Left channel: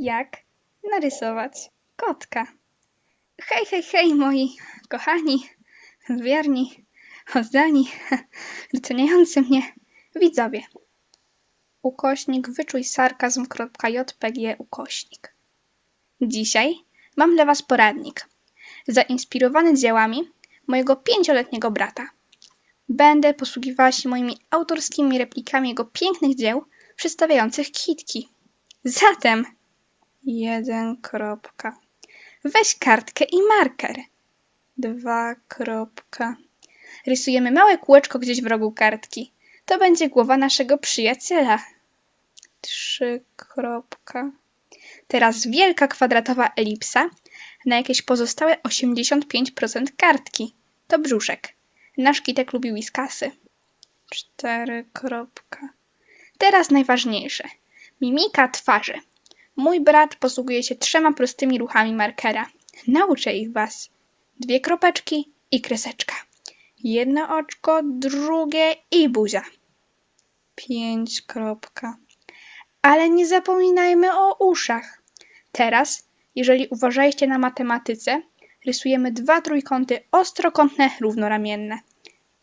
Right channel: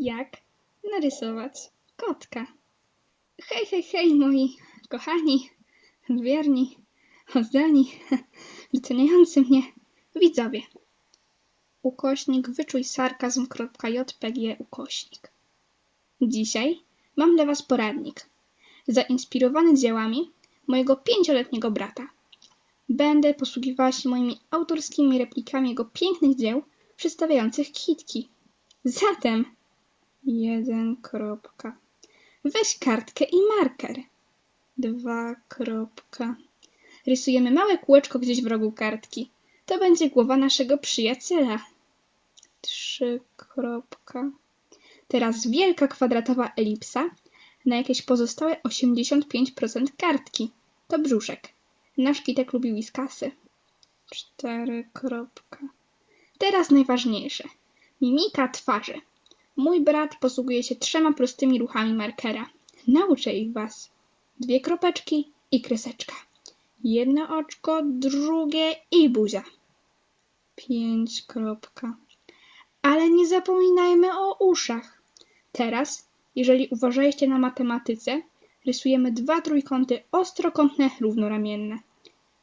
Jak narysować kotka? Hej, hej, hej, moi kochani, wierni, oddani, doceniający mnie widzowie. Ukośnik wyczuj sarkazm.jpg ukośnik. Dzisiaj mam dla Was poradnik, zainspirowany dziełami mojego pięcioletniego brata. Będę posługiwała się moimi autorskimi replikami jego pięknych dzieł przedstawiających kitki. Zatem jeden kropka. Weź kartkę i marker. Dwa kropka. Rysujemy małe kółeczko gdzieś w rogu kartki. To będzie głowa naszego przyjaciela. Trzy kropka. Teraz wielka kwadratowa elipsa na jakieś pozostałe 85% kartki. To brzuszek. Nasz kitek lubi whiskasy. Cztery kropka. Teraz najważniejsze. Mimika twarzy. Mój brat posługuje się trzema prostymi ruchami markera. Nauczę ich was. Dwie kropeczki i kreseczka. Jedno oczko, drugie i buzia. Pięć kropka. Ale nie zapominajmy o uszach. Teraz, jeżeli uważaliście na matematyce, rysujemy dwa trójkąty ostrokątne równoramienne.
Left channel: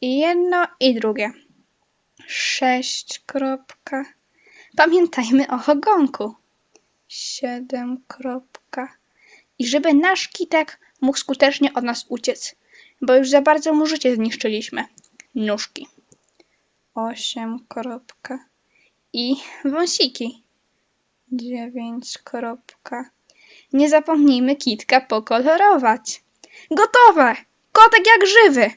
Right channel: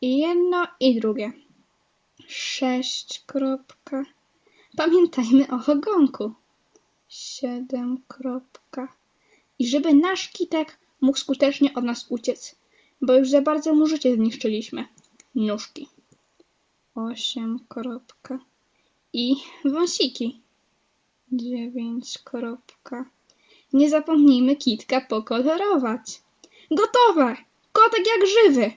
I jedno i drugie. Sześć kropka. Pamiętajmy o ogonku. Siedem kropka. I żeby nasz kitek mógł skutecznie od nas uciec, bo już za bardzo mu życie zniszczyliśmy. Nóżki. Osiem kropka. I wąsiki. Dziewięć kropka. Nie zapomnijmy kitka pokolorować. Gotowe! Kotek jak żywy!